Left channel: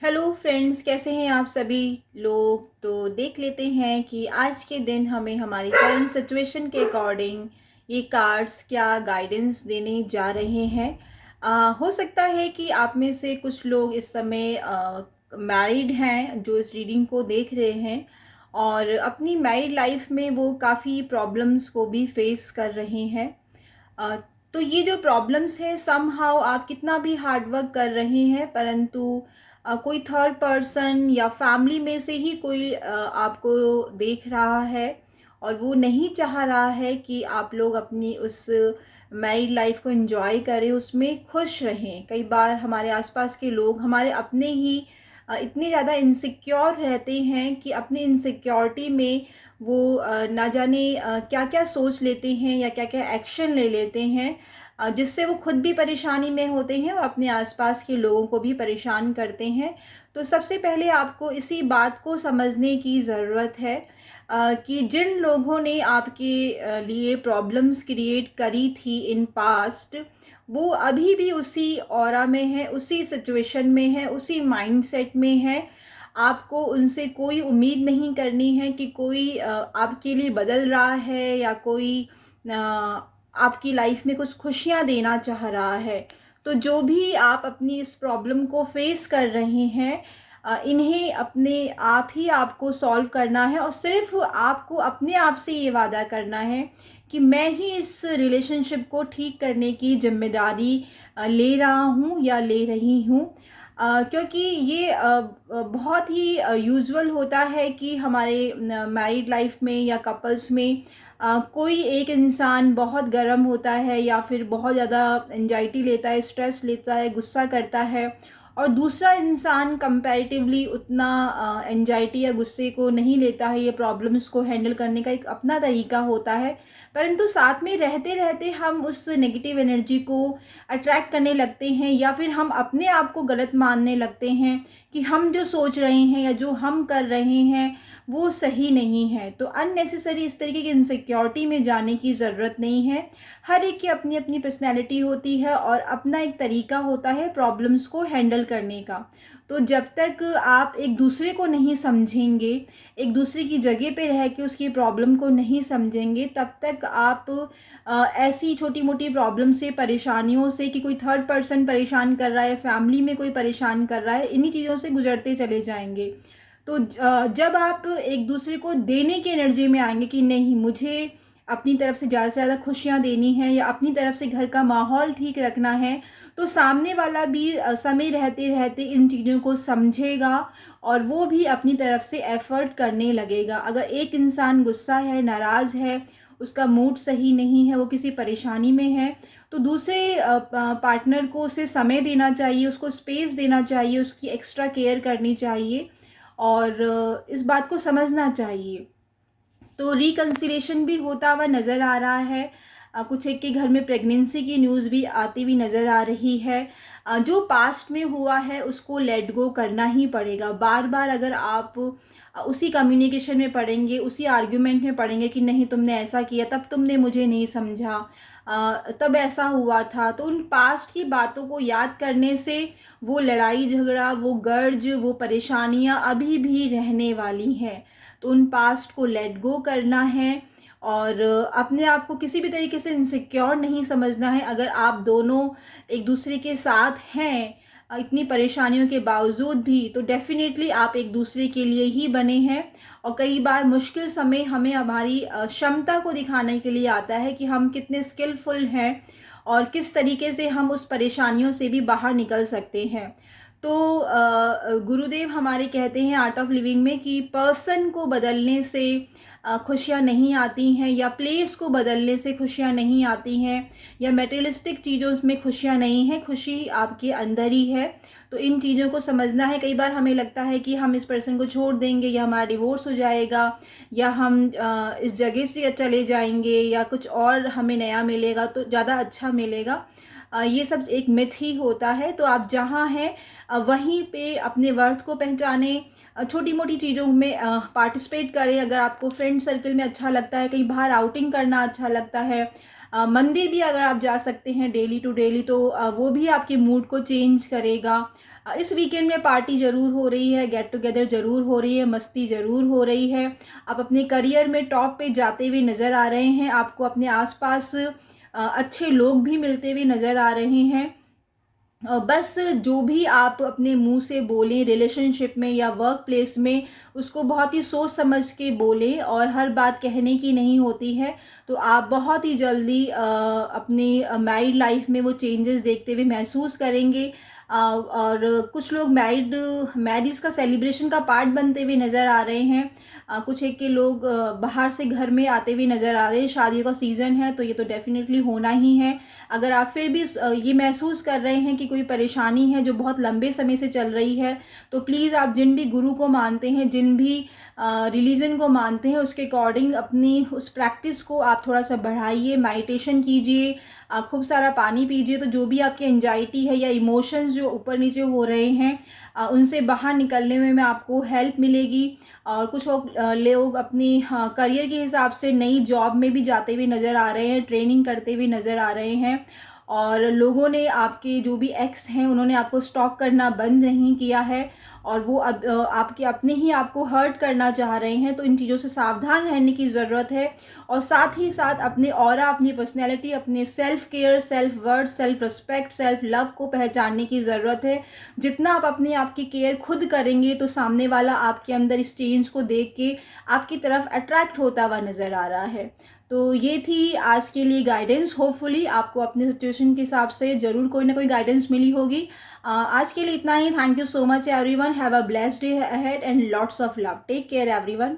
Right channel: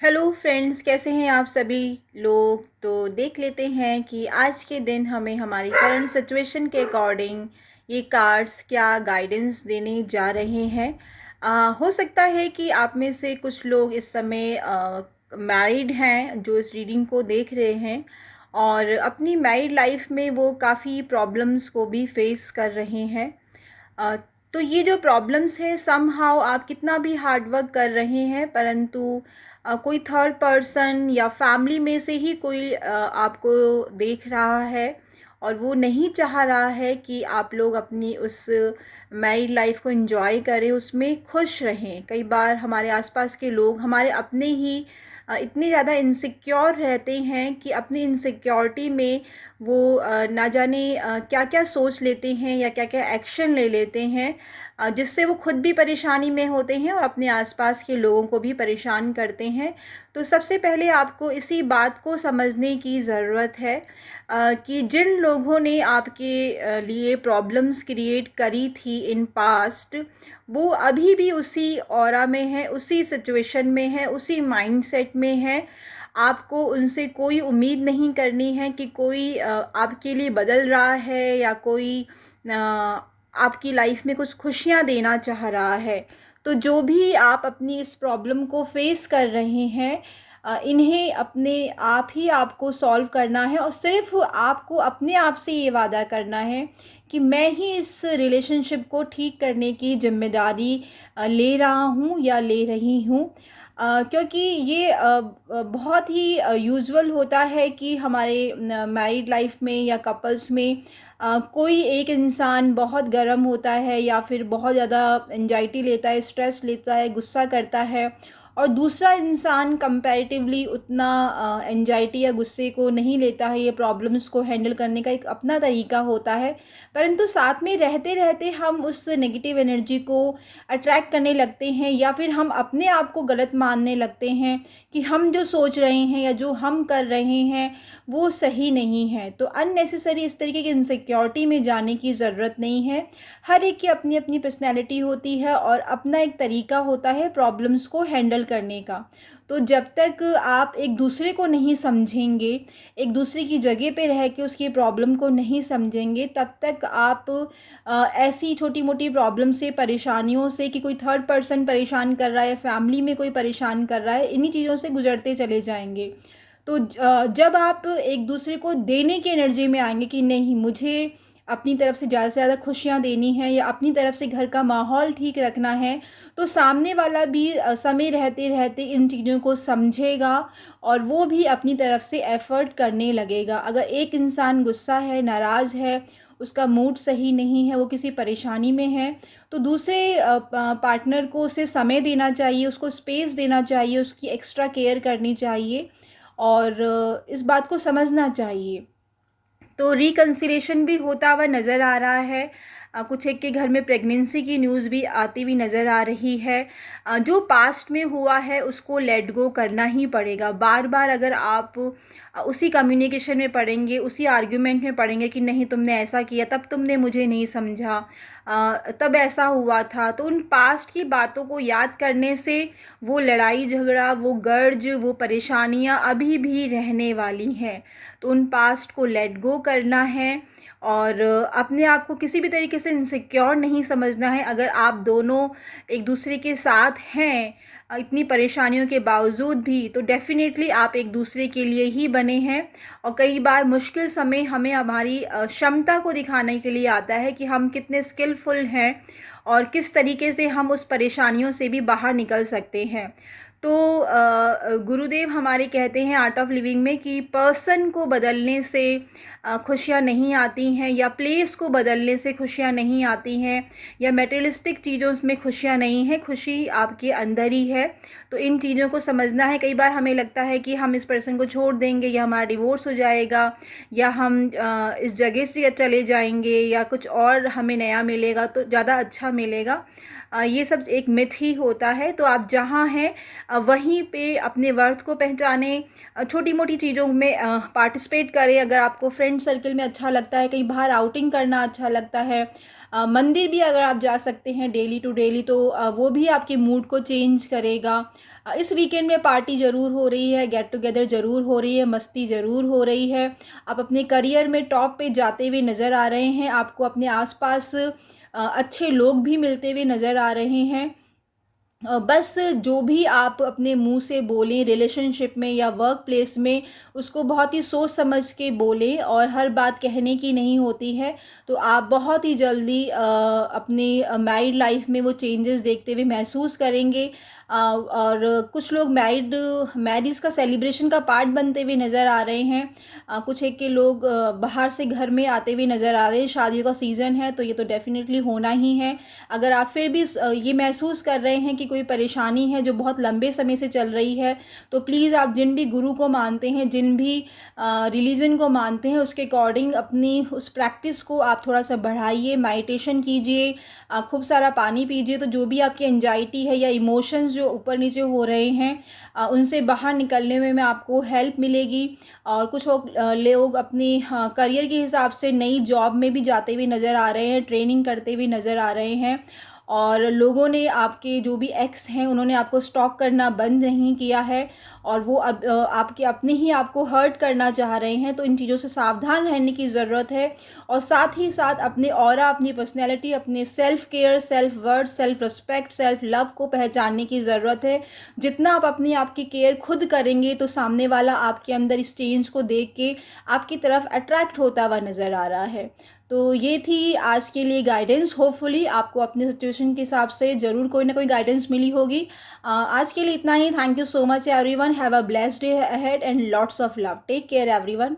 Hello friends, कैसे हैं आप सभी लोग। तो देख लेते हैं कि आज के दिन हमें हमारी करंट सिचुएशन के अकॉर्डिंग ये कार्ड्स क्या गाइडेंस देने जा रहे हैं। हो सकता है कि आप में से कुछ लोग इस समय मैरिड हैं जो इस रीडिंग को देख रहे हैं, और अपनी मैरिड लाइफ में वो काफ़ी प्रॉब्लम्स को भी फेस कर रहे हैं। अ, तो ये जो प्रॉब्लम्स हैं, समहाउ आप कितना भी हार्ड वर्क कर रहे हैं, परंतु कोई थर्ड पर्सन या फैमिली में से ही कोई आपको देख रहा है, और वो नहीं चाह रहा है कि आप लोग अपनी उस मैरिड लाइफ को एंजॉय करें, उसमें खुश रहें। कई बार हमारे आसपास के लोग हमारे अपने ही इतने ज़्यादा इनसिक्योर रहते हैं कि अपनी इनसिक्योरिटी में वो ना जाने क्या क्या सोच लेते हैं या क्या क्या एक्शन ले लेते हैं, जिससे वो खुद भी परेशानी में होते हैं और अपने आसपास के लोगों को भी परेशान करते हैं। तो सबसे पहले आपको इसी बात को समझने की ज़रूरत है कि जिन लोगों ने आपके लिए प्रॉब्लम्स क्रिएट करी थी इन पास्ट, वो अभी भी उसी ऑरा में है, उसी सिचुएशन में है, उसी माइंडसेट में है। आपको उनसे कोई उम्मीद नहीं करनी है कि कोई आपके लिए बदल रहा है या कोई आपकी लाइफ में कुछ खुशियाँ देना चाह रहा है। तो जो भी आप अपनी इस प्रॉब्लम को फेस कर रहे हैं, इन्हें अपने आप ही आपको सॉल्व करना है, और सिर्फ आपको अपने आप से ये वादा करना है कि मैं ही इस रिलेशनशिप को ठीक करने की जिम्मेदारी ले रहा हूँ या ले रही हूँ। क्योंकि ये बहुत ही यूजुअल होता है कि हमारे मैरिड लाइफ में या कपल्स में कोई एक इंसान बहुत गर्म होता है या फिर बहुत ज़्यादा एंजाइटी लेता है, स्ट्रेस लेता है, गुस्सा करता है, और दूसरा इंसान कंपैरेटिवली उतना एंजाइटी या गुस्से को नहीं लेता है। ये प्रॉब्लम्स को हैंडल करने का एक अपना तरीका होता है, परंतु साथ में रहते रहते हम उस नेगेटिव एनर्जी को अट्रैक्ट करने लगते हैं, या फिर हम अपने आप को गलत मानने लगते हैं कि हम जो सोच रहे हैं या जो हम कर रहे हैं वो सही नहीं है। तो अननेसेसरी इस तरीके की इनसिक्योरिटी में जाने की ज़रूरत नहीं है। हर एक की अपनी अपनी पर्सनैलिटी होती है और अपना एक तरीका होता है प्रॉब्लम्स को हैंडल करने का। तो जब तक आप एक दूसरे को नहीं समझेंगे, एक दूसरे की जगह पे रह के उसकी प्रॉब्लम को नहीं समझेंगे, तब तक आप ऐसी छोटी मोटी प्रॉब्लम से, परेशानियों से, कि कोई थर्ड पर्सन परेशान कर रहा है, फैमिली में कोई परेशान कर रहा है, इन्हीं चीज़ों से गुजरते चले जाएंगे। तो जब आप एक दूसरे को देने की एनर्जी में आएंगे कि नहीं, मुझे अपनी तरफ से ज़्यादा खुशियाँ देनी है या अपनी तरफ से घर का माहौल ठीक रखना है, तो सामने वाला भी समय रहते रहते इन चीज़ों को समझेगा, और वो भी अपनी तरफ से एफ़र्ट करने लगेगा। अगर एक इंसान गुस्सा है, नाराज़ है, उसका मूड सही नहीं है, वो किसी परेशानी में है, तो दूसरे पार्टनर को उसे समय देना चाहिए, उसको स्पेस देना चाहिए, उसकी एक्स्ट्रा केयर करनी चाहिए, और इस बात को समझना चाहिए। तो रिकन्सिलेशन भी होता हुआ नज़र आ रहा है। कुछ एक के घर में प्रेगनेंसी की न्यूज़ भी आती हुई नज़र आ रही है। जो पास्ट में हुआ है उसको लेट गो करना ही पड़ेगा। बार बार अगर आप उसी कम्युनिकेशन में पड़ेंगे, उसी आर्ग्यूमेंट में पड़ेंगे कि नहीं, तुमने ऐसा किया, तब तुमने मुझे नहीं समझा, तब ऐसा हुआ था, तो उन पास्ट की बातों को याद करने से वो लड़ाई झगड़ा, वो गर्ज, वो परेशानियां अभी भी रहने वाली हैं। तो उन पास्ट को लेट गो करना है, और अपने आप को किसी भी तरीके से इनसिक्योर नहीं समझना है। अगर आप दोनों एक दूसरे के साथ हैं इतनी परेशानियों के बावजूद भी, तो डेफ़िनेटली आप एक दूसरे के लिए ही बने हैं। और कई बार मुश्किल समय हमें हमारी क्षमता को दिखाने के लिए आता है कि हम कितने स्किलफुल हैं और किस तरीके से हम उस परेशानियों से भी बाहर निकल सकते हैं। तो गुरुदेव हमारे कहते हैं आर्ट ऑफ लिविंग में कि पर्सन को बदलने से खुशियाँ नहीं आती हैं, या प्लेस को बदलने से खुशियाँ नहीं आती हैं, या मटेरियलिस्टिक चीज़ों में खुशियाँ नहीं हैं, खुशी आपके अंदर ही है। तो इन चीज़ों को समझना है। कई बार हमें लगता है कि हम इस पर्सन को छोड़ देंगे, या हमारा डिवोर्स हो जाएगा, या हम इस जगह से चले जाएंगे, या कुछ और हमें नया मिलेगा तो ज़्यादा अच्छा मिलेगा। ये सब एक मिथ ही होता है। तो आप जहाँ हैं वहीं पे अपने वर्थ को पहचानें, छोटी मोटी चीज़ों में पार्टिसिपेट करें। अगर आपको फ्रेंड सर्कल में अच्छा लगता है, कहीं बाहर आउटिंग करना अच्छा लगता है, मंदिर भी अगर आप जा सकते हैं डेली टू डेली तो वो भी आपके मूड को चेंज करेगा। इस वीकेंड में पार्टी ज़रूर हो रही है, गेट टुगेदर ज़रूर हो रही है, मस्ती ज़रूर हो रही है। आप अपने करियर में टॉप पे जाते हुए नज़र आ रहे हैं, आपको अपने आसपास अच्छे लोग भी मिलते हुए नज़र आ रहे हैं। बस जो भी आप अपने मुंह से बोलें रिलेशनशिप में या वर्क प्लेस में, उसको बहुत ही सोच समझ के बोलें, और हर बात कहने की नहीं होती है। तो आप बहुत ही जल्दी अपनी मैरिड लाइफ में वो चेंजेस देखते हुए महसूस करेंगे। और कुछ लोग मैरिज का सेलिब्रेशन का पार्ट बनते हुए नज़र आ रहे हैं। कुछ एक के लोग बाहर से घर में आते हुए नज़र आ रहे हैं। शादियों का सीज़न है तो ये तो डेफिनेटली होना ही है। अगर आप फिर भी ये महसूस कर रहे हैं कि कोई परेशानी है जो बहुत लंबे समय से चल रही है, तो प्लीज़ आप जिन भी गुरु को मानते हैं, जिन भी रिलीजन को मानते हैं, उसके अकॉर्डिंग अपनी उस प्रैक्टिस को आप थोड़ा सा बढ़ाइए, मेडिटेशन कीजिए, खूब सारा पानी पीजिए। तो जो भी आपकी एंजाइटी है या इमोशंस जो ऊपर नीचे हो रहे हैं, उनसे बाहर निकलने में आपको हेल्प मिलेगी। और कुछ लोग अपनी करियर के हिसाब से नई जॉब में भी जाते हुए नज़र आ रहे हैं, ट्रेनिंग करते हुए नज़र आ रहे हैं। और लोगों ने आपके जो भी एक्स हैं उन्होंने आपको स्टॉक करना बंद नहीं किया है, और वो अब आपके अपने ही आपको हर्ट करना चाह रहे हैं। तो इन चीज़ों से सावधान रहने की ज़रूरत है। और साथ ही साथ अपने ऑरा, अपनी पर्सनैलिटी, अपने self care, self worth, self respect, self love को पहचानने की ज़रूरत है। जितना आप अपने आप की केयर खुद करेंगे तो सामने वाला आपके अंदर इस चेंज को देख के आपकी तरफ अट्रैक्ट होता हुआ नज़र आ रहा है। तो ये थी आज के लिए गाइडेंस। होपफुली आपको अपने सिचुएशन के हिसाब से ज़रूर कोई ना कोई गाइडेंस मिली होगी। आज के लिए इतना ही। Thank you so much everyone. Have a blessed day ahead and lots of love. Take care everyone.